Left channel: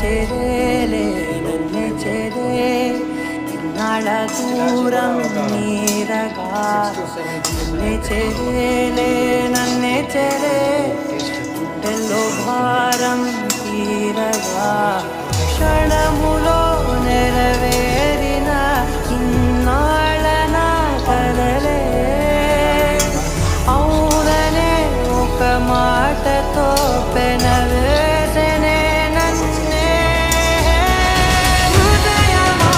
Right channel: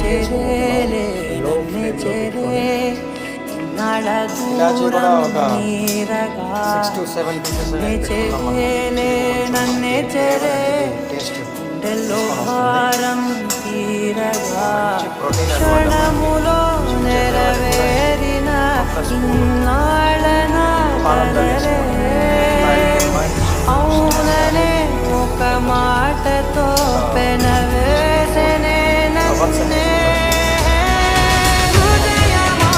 చేరేలే నన్నే చేరే ఇన్నాళ్ళ దూరం నీరగా నన్నే చేరేలే నన్నే చేరే గుండెల్లో భారం తీరగా క్షణములో నెరవేరిన ఇన్నాళ్ళ నా కలలే అవుననే ఒక మాటతో పెనవేసనే నన్నే హృదయమా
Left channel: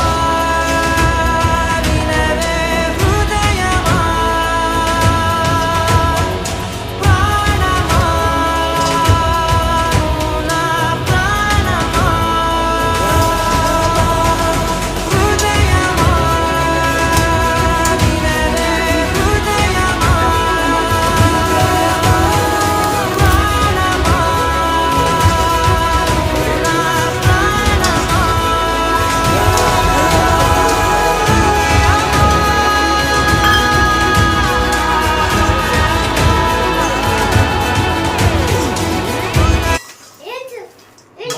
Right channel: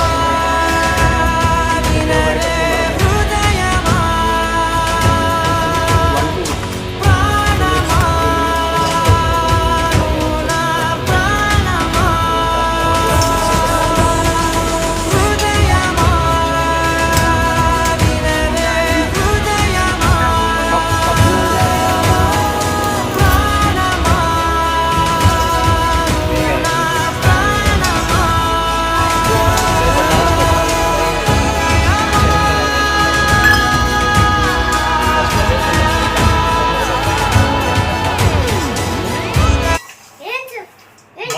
వినవే హృదయమా ప్రాణమా నా ప్రాణమా హృదయమా వినవే హృదయమా ప్రాణమా నా ప్రాణమా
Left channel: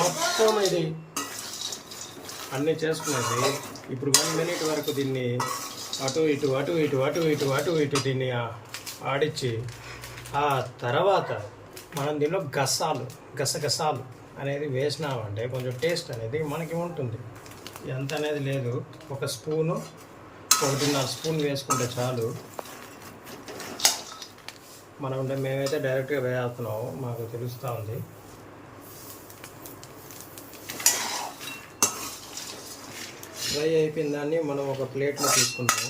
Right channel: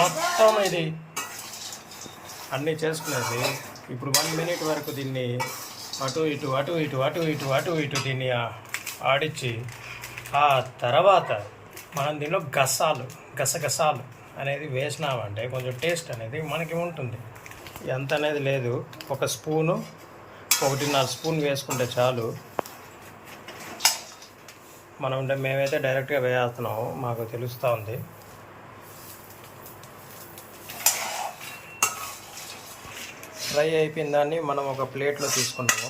మొత్తం ఇది అన్నీ చేసుకునేది. ఇప్పుడు 1 మినిట్ వరకు దీన్ని అటు ఇటు అటు ఇటు అటు ఇటు అటు ఇటు దీన్ని ఆడించి ఆ తర్వాత మనం దీనిలో గసగసాలు అనేది వేసినామంటే కొంచెం టేస్ట్ అనేది మనకి ఉంటుంది. ఎంత అనేది లేదు, 1 స్పూను 1.5 స్పూన్ వేసుకుంటే చాలు. మేమైతే డైరెక్ట్గా వేస్తున్నాము, మాకు తెలుస్తూ ఉంది. ఫ్రై అయిపోయిన దాన్ని మనం ఒక ప్లేట్లో తీసుకున్నాము.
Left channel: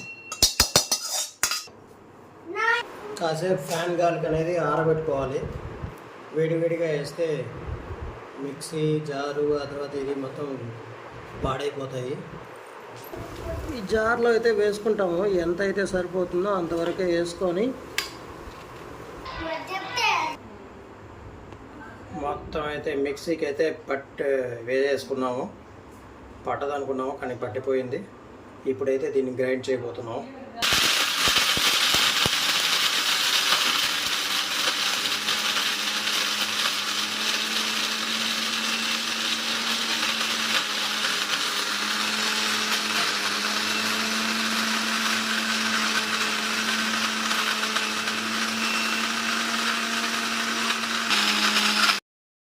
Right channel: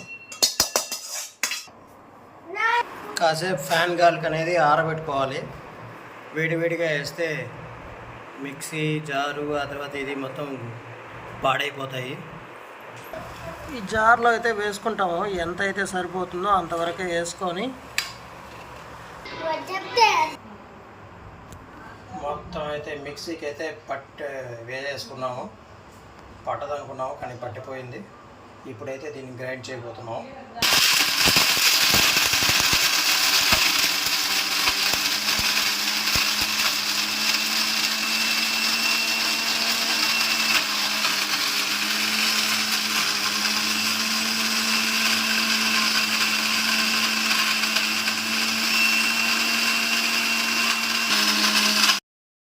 కాసేపు ఫ్యాన్ గాలికి అనేది ఆరబెట్టుకోవాలి. వేడివేడిగా వేస్తే మిక్సీ జారు ఆ తర్వాత ఇది మొత్తం పాడైపోతాయి. ఈ జార్లో అయితే వేసుకుంటాము, ఎంత అయితే సరిపోతుందో అంతవరకే వేసుకొని మొత్తం అయితే మిక్సీకి అయితే వేసేసుకున్నాము. పట్టదనుకున్నాము కానీ పట్టిపోయింది. ఇప్పుడైతే దీన్ని గ్రైండ్ చేయబోతున్నాము.